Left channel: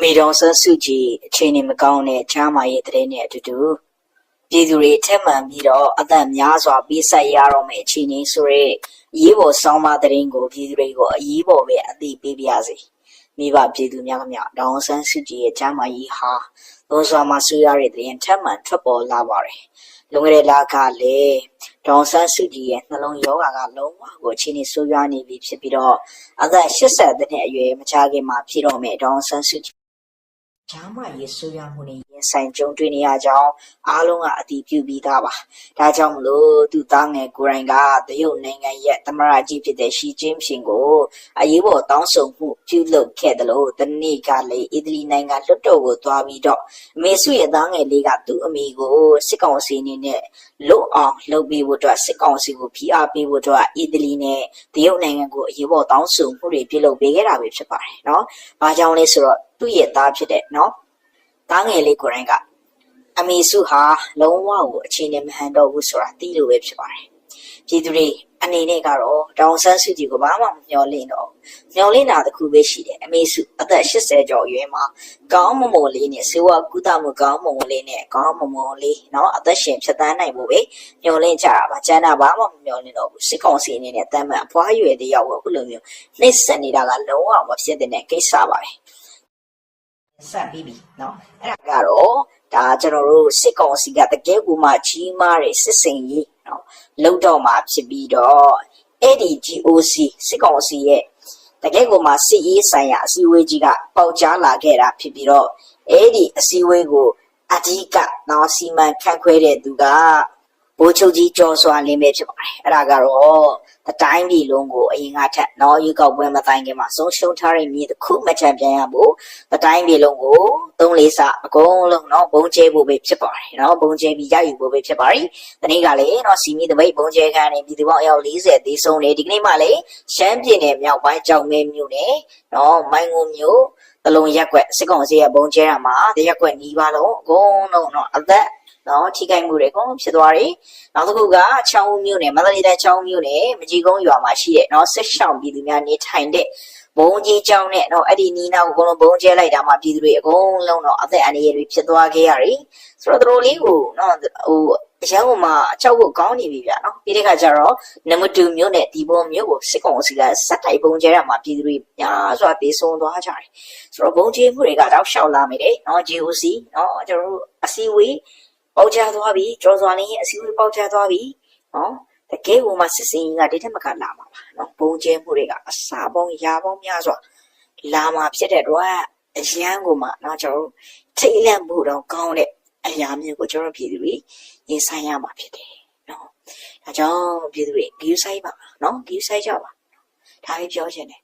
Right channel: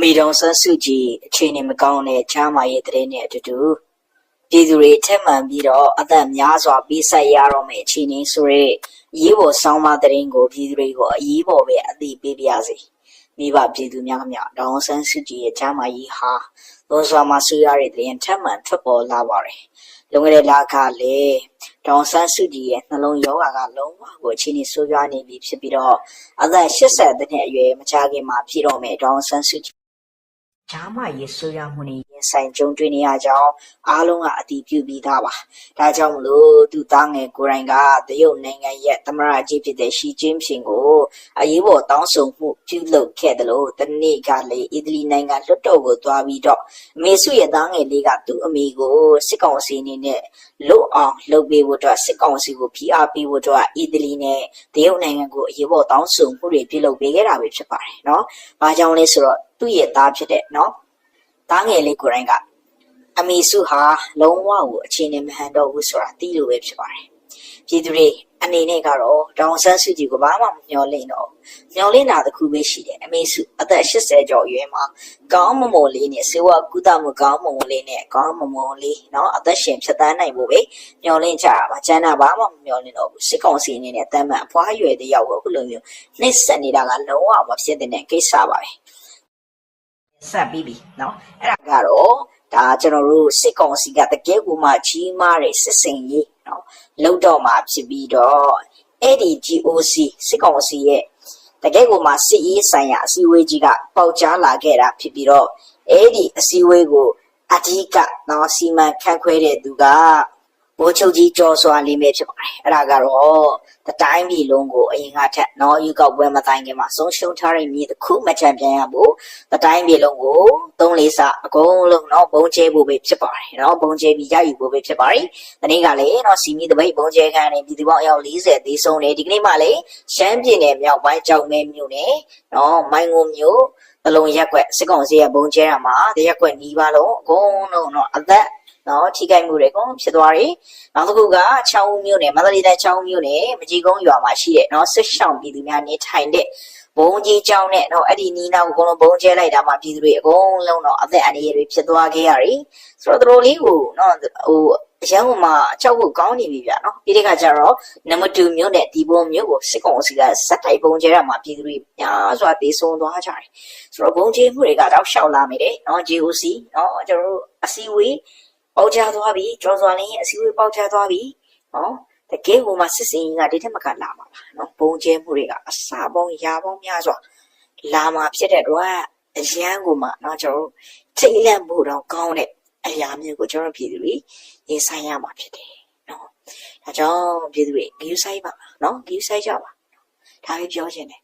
မိတော်ဆန်းစုကြည်အချိန်မကောင်းတဲ့ချားမာရဲ့တဲ့နဲ့အတူတူပြည်သူတွေထက်မှန်ပြီးတော့အသက်များစွာပေးဆက်ရတော့မယ့်အခြေအနေဆိုရဲအရေးပေါ်ဆောင်းပါးတဲ့ကိုပြည်သူတွေကိုအရေးပေါ်ပဲအသိပေးပြရစီမိဘပြည်သူများများဒေါအောင်ဆန်းစုကြည်ရဲ့ချားမာရေးဟာလွန်စွာမှဆူရတဲ့တဲ့ထက်မှန်ထွက်ပေါ်လာပါတယ်လုံခဲ့တဲ့လကလည်းဒေါအောင်ဆန်းစုကြည်ရဲ့နှလုံးရောဂါကလုံးဝကိုအခြေအနေဆိုးရွားနေပြီဖြစ်ပြီးတော့အသက်80နှစ်အရွယ်မချခင်မှာဖြစ်တော့မယ့်ဒေါအောင်ဆန်းစုကြည်ဂျာမရေးဆိုရမှုနဲ့ရင်ဆိုင်ကြုံတွေ့နေရကြောင်းအားလုံးကအတည်ပြုပြီးသားပါ။ဒါကြောင့်မလို့သူသားငယ်ကိုယ်တိုင်ကတရုတ်နိုင်ငံရဲ့သမ္မတကြီးဖြစ်တဲ့ရှီကျင်းဖျင်ကိုအရေးပေါ်တောင်းဆိုမှုပြုလုပ်ခဲ့တယ်လို့တနေ့ကလည်းအီတလီနိုင်ငံလွှတ်တော်ကိုသွားပြီးတော့အမေစုရဲ့သားငယ်လေးကသူ့အမေကိုစစ်ကောင်စီအနေနဲ့လွတ်အောင်လုပ်ပေးဖို့အတွက်စစ်ကောင်စီကိုဖိအားပေးဖို့အတွက်အီတလီနဲ့တရုတ်နိုင်ငံကိုအရေးပေါ်တောင်းဆိုမှုတွေပြုလုပ်ပေးခဲ့တာပဲဖြစ်ပါတယ်နော်။ဘာကြောင့်လဲဆိုတော့သူ့ရဲ့သားဖြစ်တဲ့နော်သားငယ်လေးကိုယ်တိုင်ကအမေစုဟာလုံးဝကိုအခြေအနေမဟန်တော့ဘူးဆိုတာသိလို့ပဲဖြစ်ပါတယ်ပြည်သူတွေအနေနဲ့ကတော့ဒေါအောင်ဆန်းစုကြည်ကိုဘာမှမမျှော်လင့်တော့မျှော်လင့်တာတစ်ခုပဲရှိတယ်အမေစုအသက်80ကျော်အရွယ်မှာကောင်းမွန်လေးနဲ့စေဝါကုသမှုကောင်းမွန်လေးနဲ့ကောင်းမွန်လေးเนาะအသက်ရှင်ဖြတ်သန်းနိုင်ဖို့ပဲမျှော်လင့်ကြတာပါကျန်တာဘာမှမမျှော်လင့်တော့ဘူးစစ်ကောင်စီအနေနဲ့တမ်းမှန်အဖွားရွယ်တယောက်ကိုအခုလိုမျိုးနှိမ့်ဆက်နေတာကလုံးဝမဖြစ်တဲ့ကိစ္စပါပဲဆက်ပြီးပြီเนาะအဲ့ဒါကတော့ဒါကျွန်တော်တို့စစ်ကောင်စီကတကယ်ကိုမှကြီးမားတဲ့စစ်စင်ကြီးเนาะလောက်တော့မှဖြစ်ပြီးတော့အဲ့ဒီ GOC စစ်ကောင်စီရဲ့တကယ်ကိုမှစစ်ရေးဆိုင်ရာအစည်းအဝေးကြီးကပေါက်ကြားလာခဲ့တာဖြစ်ပြီးတော့အဲ့ဒီအစည်းအဝေးကိုအဓိကเนาะစီမံခန့်ခွဲတဲ့သူကဘိုးချုပ်ကြီးကျော်စွာလင်းပဲဖြစ်ပါတယ်အဲ့ဒါကတော့တတိုင်းပြည်လုံးကိုအရင်ကထက်เนาะယူကောက်ပွဲမတိုင်ခင်မှာဆုံးရှုံးထားတဲ့မြေတစ်ခုမှချန်ပြန်ရဖို့တတိုင်းပြည်လုံးကို3-4ဆအကုန်လုံးเนาะဘုံကျဲဖို့ပဲဖြစ်ပါတယ်เนาะဘုံကျဲပြီးရယူဖို့ပဲဖြစ်ပါတယ်ဒီနေ့ကလည်းเนาะစီမီတပိတ်ဘုံကျဲခန်းနေပြည်သူပေါင်းအယောက်40သေးဆုံးနေဒီကနေ့မှလည်းရှမ်းပြည်နယ်မြောက်ပိုင်းကြောက်မဲမြို့နယ်เนาะမိုင်းငုံမြို့တလုံးရက်ွက်စစ်ကောင်စီကဘုံကျဲတာမှာတရက်ွက်နီးပါလုံးအကုန်လုံးเนาะအသက်နော်ထိခိုက်မှုတွေအကုန်ဖြစ်သွားတယ်။နောက်တစ်ခုကချောင်းမြို့နယ်မန္တလေးတိုင်းချောင်းမြို့နယ်မကြီးကုန်းရွာမှာရှိတဲ့နော်စစ်ဆောင်ပြည်သူများနေထိုင်တဲ့ဘုံကြီးကျောင်းနဲ့နော်အဲ့ဒီနီးနားကိုအကုန်လုံးဘုံကျဲလိုက်တာမှပြည်သူတွေအကုန်လုံးတော့အသက်အန္တရာယ်တွေဖြစ်သွားခဲ့ရတယ်။ဆိုတော့တို့လေးကိုနော်ဟိုအရန်ကမှအချောက်ကိုကောင်းနေပြီဗျာနော်။ဒီတစ်ခါကျတော့နမတူမြို့နယ်ဒီဘုံမြို့ကိုစစ်ကောင်စီကစက်တိုက်ဘုံကျဲတာမှပြည်သူတွေများစွာပြေဆုံးသွားကြတယ်။ဆိုတော့ဘုံကျဲမှုတွေကတော့ရှောင်လာမိတယ်နော် GOC နော်ကျွန်တော်တို့အစည်းအဝေးပေါက်ကြသွားပြီကျော်စွာလင်းရဲ့အစည်းအဝေးပေါက်ကြသွားပြီဟောတကယ်ဟိုမှာစစ်စင်ကြီးကဒီထက်မကလာမှာပါနော်ဘုံကျဲမှုတွေကအစာပေါင်းရာပေါင်းများစွာလာမှာဖြစ်တဲ့တော့အရန်ကိုမှနော်ကျွန်တော်ထိတ်လန့်ဖို့တော့ကောင်းတဲ့အရာမျိုးကိုကျွန်တော်ပြည်သူတွေရင်ဆိုင်ရမှာဖြစ်တယ်နော်ဒါကြောင့်ပြည်သူတွေဂရုစိုက်ပါနော်ဂရုစိုက်ကြပါဒါပဲပြောချင်တယ်